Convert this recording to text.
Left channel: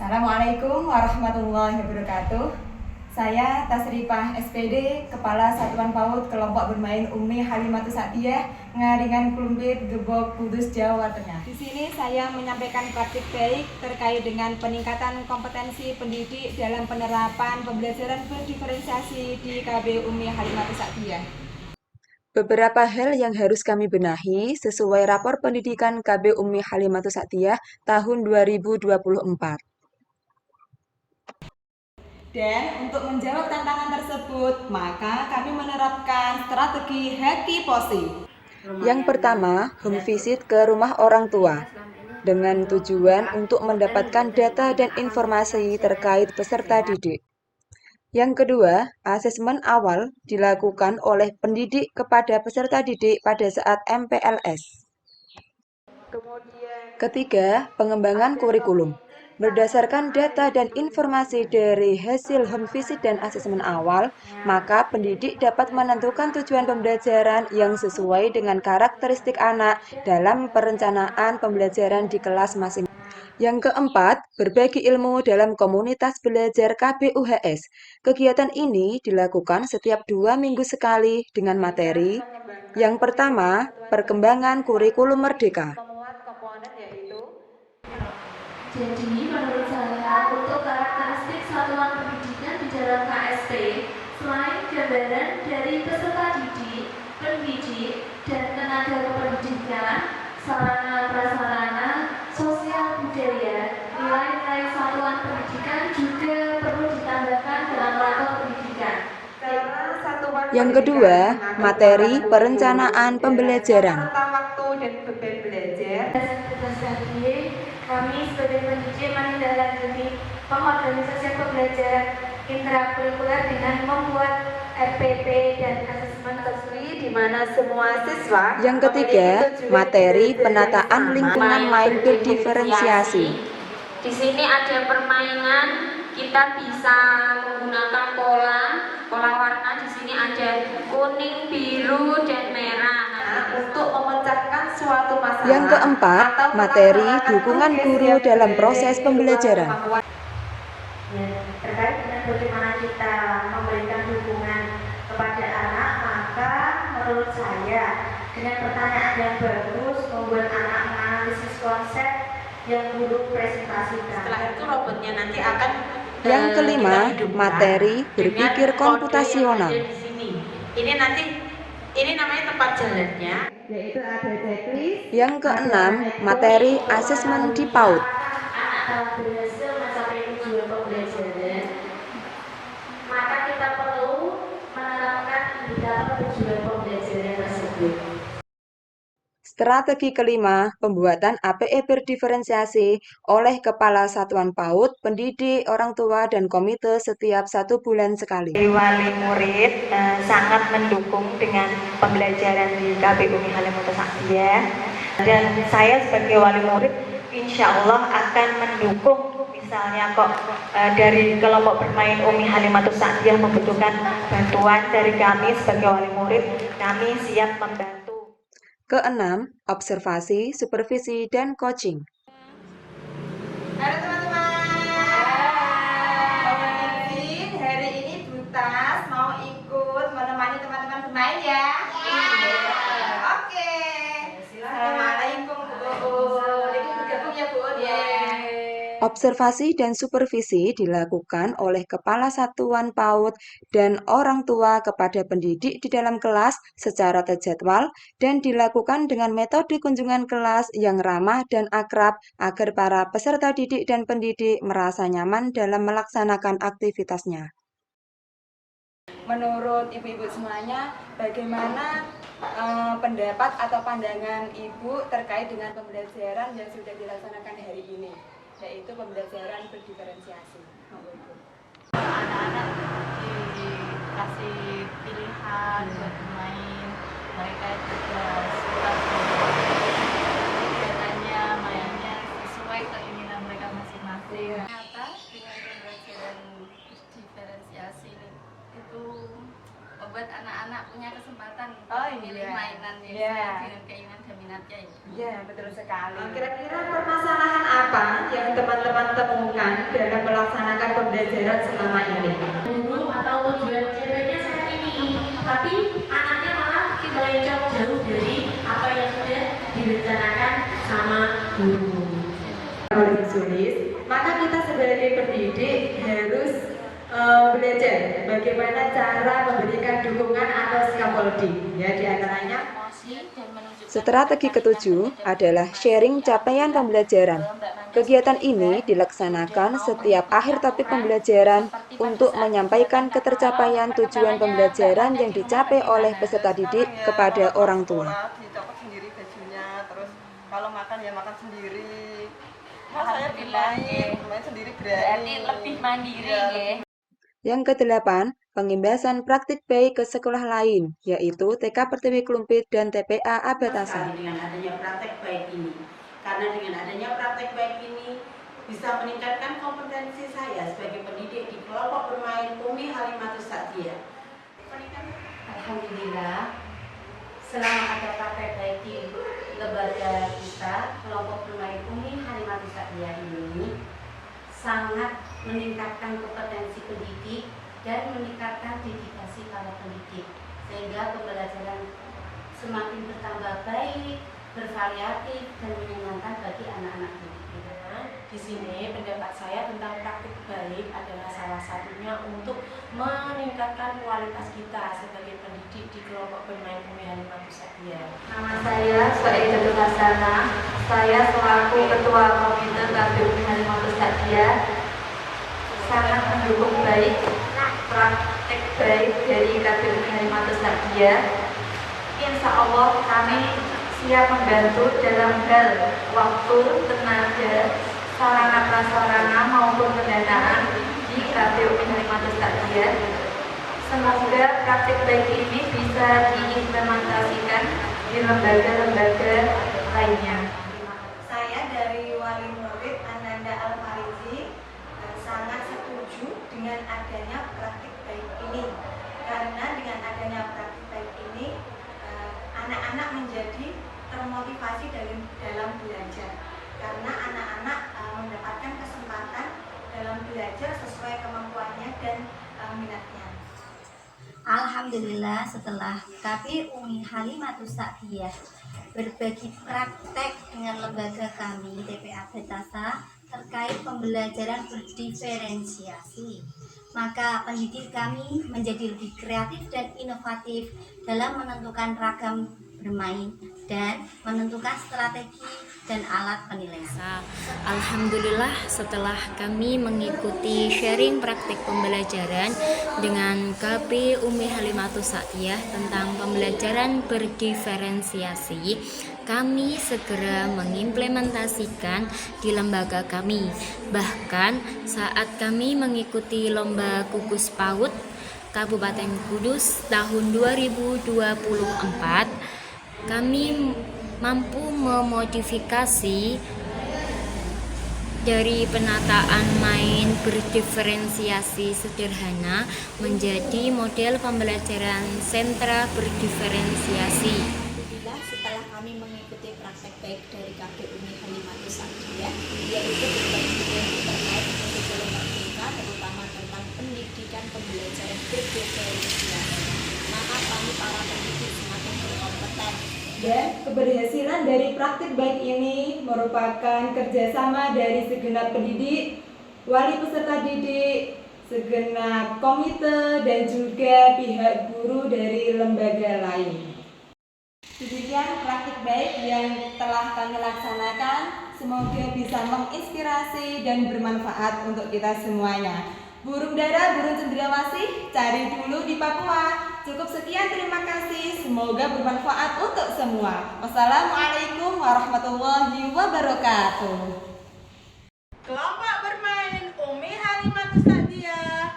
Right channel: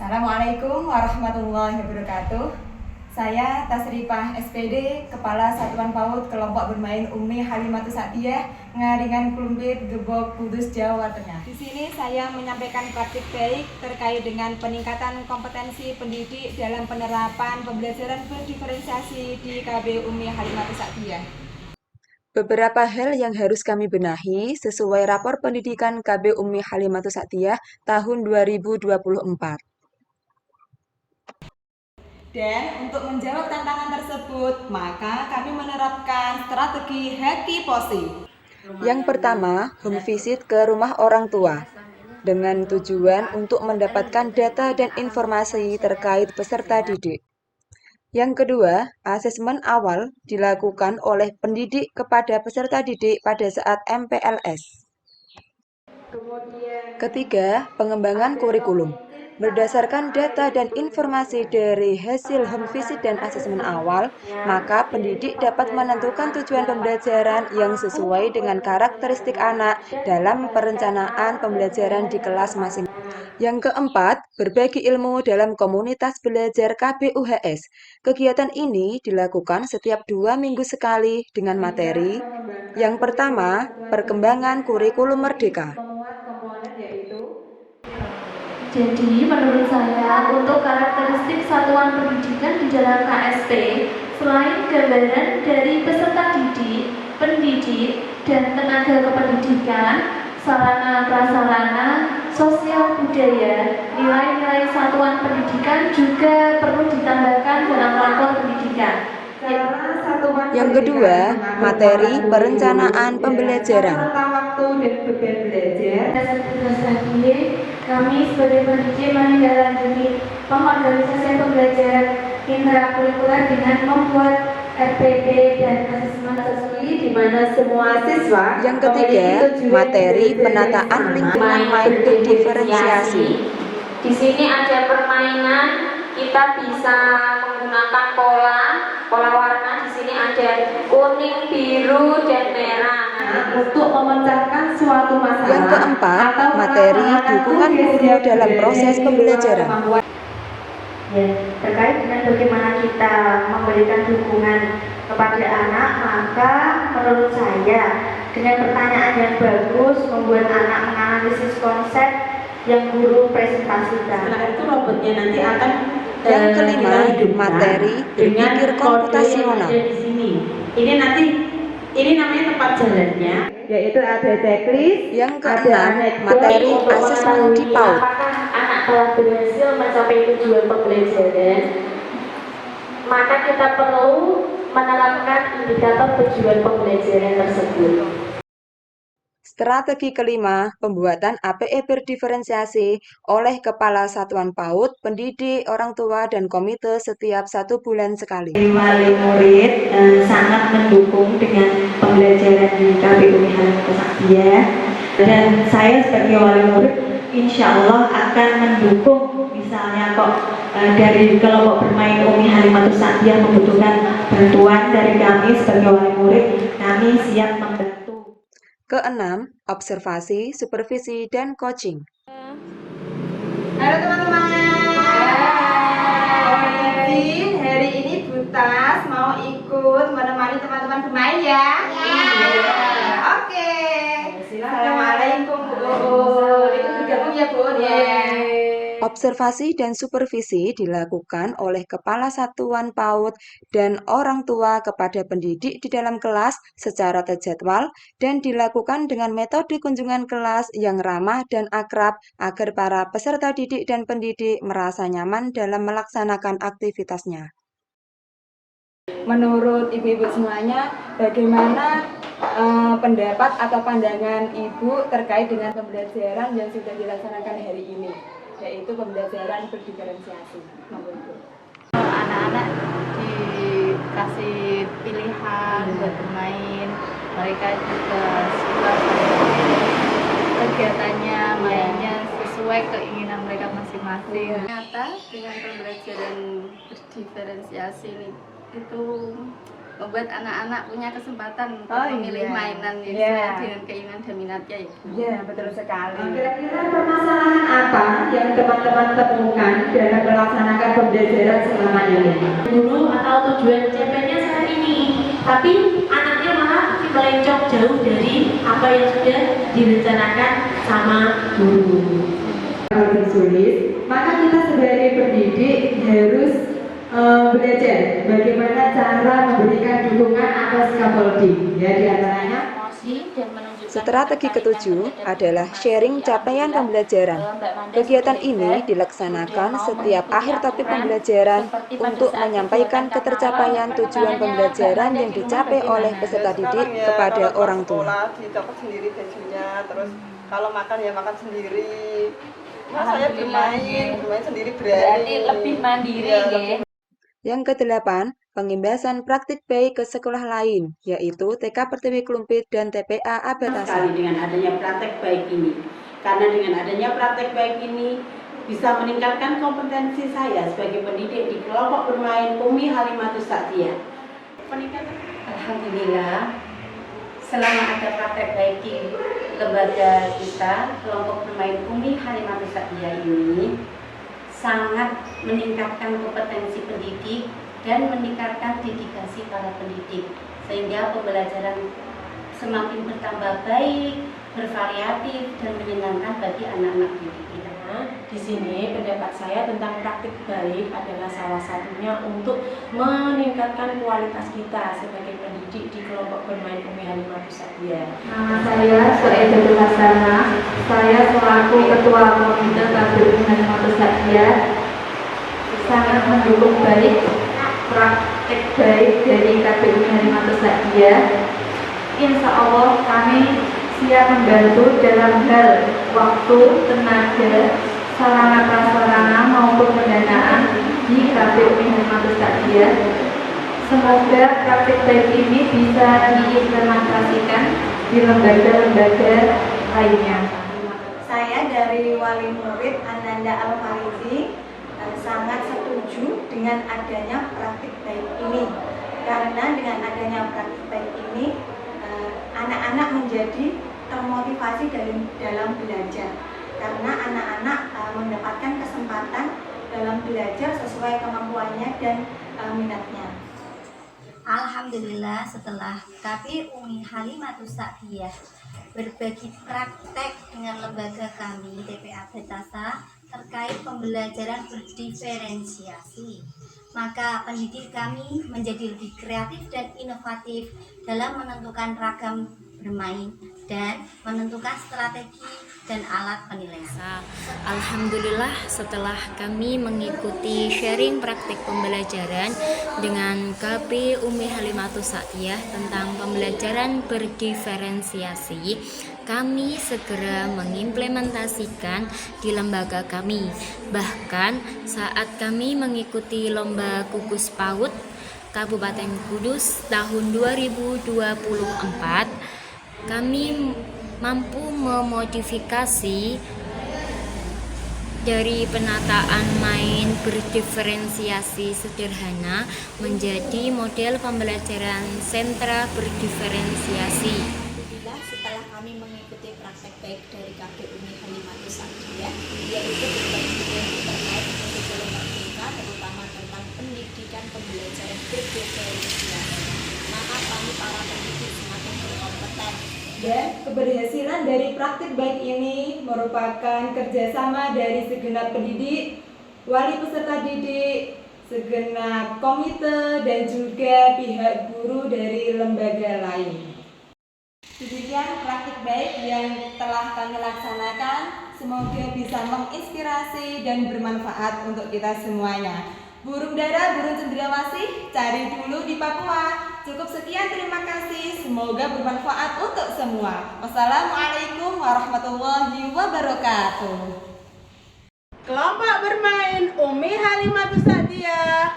Assalamualaikum warahmatullahi wabarakatuh. Saya Tasrifah SPD, Kepala Satuan PAUD Kelompok Bermain Umi Halimatus Sa'diyah, Ngaringan Klumpit, Gebok, Kudus, Jawa Tengah. Di sini saya menyampaikan praktik baik terkait dengan peningkatan kompetensi pendidik dalam penerapan pembelajaran berdiferensiasi di KB Umi Halimatus Sa'diyah. Beberapa hal yang harus kami benahi sesuai rapor pendidikan KB Umi Halimatus Sa'diyah tahun 2024. Dan untuk menjawab tantangan tersebut, maka kami menerapkan strategi Happy Posi. Yang pertama, home visit ke rumah orang tua dengan tujuan untuk mendapatkan data dan informasi terkait peserta didik. Yang kedua, asesmen awal dilakukan oleh pendidik kepada peserta didik pada saat MPLS. Ketiga, pengembangan kurikulum. Berdasarkan data dan informasi dari hasil home visit dan asesmen awal, maka pendidik dapat menentukan tujuan pembelajaran yang sesuai dengan karakteristik anak dalam perencanaan pembelajaran di kelas masing-masing. Yang keempat, berbagi ilmu dalam komunitas belajar KBUHS. Kegiatan ini dilakukan setiap 2 minggu sekali dengan materi. Yang pertama, perkembangan kurikulum merdeka. Jadi, menurut saya, untuk karakteristik satuan pendidikan di dalam KSP, selain gambaran dari peserta didik, pendidik, dan tenaga kependidikan, sarana prasarana, sosial budaya, nilai-nilai satuan pendidikan juga perlu ditambahkan dalam rapor pendidikan. Yang kedua, materi perencanaan pembelajaran. Kami sebagai pendidik menindaklanjuti pengorganisasian pembelajaran intrakurikuler dengan membuat RPP dan asesmen Di mana semua siswa. Yang ketiga, materi penataan lingkungan main berdiferensiasi. Di sini ada permainan, kita bisa menggunakan pola warna. Di sini ada kuning, biru, dan merah. Untuk memecahkan suatu masalah. Yang keempat, materi dukungan guru dalam proses pembelajaran. Ya, terkait dengan bagaimana kita memberikan dukungan kepada anak, maka menurut saya dengan pertanyaan yang bagus membuat anak menganalisis konsep yang guru presentasikan. Setelah itu robotnya nanti akan Yang kelima, materi berpikir komputasional. Ini namanya tempat jalannya, yaitu ada checklist. Yang keenam, materi asesmen di PAUD. Apakah anak telah berhasil mencapai tujuan pembelajaran? Maka kita perlu menerapkan indikator tujuan pembelajaran tersebut. Strategi kelima, pembuatan APE berdiferensiasi oleh Kepala Satuan PAUD, pendidik, orang tua, dan komite setiap 1 bulan sekali. Wali murid sangat mendukung dengan pembelajaran di KBU Umi Halimatus Sa'diyah, dan saya sebagai wali murid insya Allah akan mendukung. Misalnya dari kelompok bermain Umi Halimatus Sa'diyah membutuhkan bantuan dari kami sebagai wali murid, kami siap membantu. Keenam, observasi, supervisi, dan coaching. Halo teman-teman. Hari ini Butas mau ikut menemani teman-teman bermain ya? Iya. Oke. Assalamualaikum Bu. Ikut bergabung ya Bu. Observasi dan supervisi dilakukan oleh Kepala Satuan PAUD dan orang tua kepada pendidik di dalam kelas secara terjadwal dan dilakukan dengan metode kunjungan kelas yang ramah dan akrab agar para peserta didik dan pendidik merasa nyaman dalam melaksanakan aktivitasnya. Menurut ibu-ibu semuanya, bagaimana pendapat atau pandangan ibu terkait dengan pembelajaran yang sudah dilaksanakan hari ini, yaitu pembelajaran berdiferensiasi? Anak-anak dikasih pilihan buat bermain, mereka juga suka kegiatannya, mainnya sesuai keinginan mereka masing-masing. Ternyata dengan pembelajaran berdiferensiasi ini itu membuat anak-anak punya kesempatan untuk Oh, memilih iya. mainan yang Iya. sesuai dengan keinginan dan minatnya ya. Ya, betul sekali. Kira-kira permasalahan apa yang teman-teman temukan dalam melaksanakan pembelajaran selama ini? Guru atau tujuan CP-nya saat ini, tapi anaknya malah melencong jauh dari apa yang sudah direncanakan sama guru. Kalau disulis, maka kita sebagai pendidik harus belajar bagaimana cara memberikan dukungan atau scaffolding. Ya, diantaranya Strategi ketujuh adalah sharing capaian pembelajaran. Kegiatan ini dilaksanakan setiap akhir topik pembelajaran untuk menyampaikan ketercapaian tujuan pembelajaran yang dicapai oleh peserta didik kepada orang tua. Dicopot sendiri bajunya, terus kalau makan ya makan sendiri. Mas saya Alhamdulillah, bermain sendiri berani. Berarti lebih mandiri Iya, ya. Yang kedelapan, pengimbasan praktik baik ke sekolah lain, yaitu TK Pertiwi Klumpit dan TPA Abatasa. Sekali dengan adanya praktek baik ini, karena dengan adanya praktek baik ini bisa meningkatkan kompetensi saya sebagai pendidik di kelompok bermain Umi Halimatus Sa'diyah. Alhamdulillah, selama ada praktek baik di lembaga kita, kelompok bermain Umi Halimatus Sa'diyah ini sangat meningkatkan kompetensi pendidik dan meningkatkan dedikasi para pendidik, sehingga pembelajaran semakin bertambah baik, bervariatif, dan menyenangkan bagi anak-anak didik kita. Di sini pendapat saya tentang praktik baik adalah salah satunya untuk meningkatkan kualitas kita sebagai pendidik di kelompok bermain Umi Halimatus Sa'diyah. Nama saya Soedatul Hasanah. Saya selaku Ketua Komite KBU Umi Halimatus Sa'diyah sangat mendukung baik praktek baik dari KBU Umi Halimatus Sa'diyah. Insya Allah kami siap membantu dalam hal waktu, tenaga, sarana prasarana maupun pendanaan di KBU Umi Halimatus Sa'diyah. Semoga praktik baik ini bisa diimplementasikan di lembaga-lembaga lainnya. Saya dari Wali Murid Ananda Al-Farizi sangat setuju dengan adanya praktik baik ini, karena dengan adanya praktik baik ini anak-anak menjadi termotivasi dalam belajar, karena anak-anak mendapatkan kesempatan dalam belajar sesuai kemampuannya dan minatnya. Alhamdulillah, setelah KBU Umi Halimatus Sa'diyah berbagi praktek dengan lembaga kami TPA Abatasa terkait pembelajaran berdiferensiasi, maka pendidik kami menjadi lebih kreatif dan inovatif dalam menentukan ragam bermain dan menentukan strategi dan alat penilaian. Alhamdulillah, setelah kami mengikuti sharing praktik pembelajaran dengan KB Umi Halimatus Sa'diyah tentang pembelajaran berdiferensiasi, kami segera mengimplementasikan di lembaga kami. Bahkan saat kami mengikuti lomba gugus PAUD Kabupaten Kudus tahun 2024, kami mampu memodifikasi dari penataan main berdiferensiasi sederhana menjadi model pembelajaran sentra berdiferensiasi. Alhamdulillah, setelah kami mengikuti praktek baik dari KBU Umi Halimatus Sa'diyah, yaitu berbagi ilmu terkait kurikulum merdeka, terutama tentang pendidikan pembelajaran berdiferensiasi, maka kami para pendidik semakin berkompeten. Dan keberhasilan dari praktik baik ini merupakan kerjasama dari segenap pendidik, wali peserta didik, segenap komite, dan juga pihak guru dari lembaga lain. Demikian praktik baik yang telah kami laksanakan, semoga bisa menginspirasi dan bermanfaat untuk kita semuanya. Burung dara, burung cendrawasih, cari dulu di Papua. Cukup sekian, terima kasih. Semoga bermanfaat untuk semua. Wassalamualaikum warahmatullahi wabarakatuh. Kelompok bermain Umi Halimatus Sa'diyah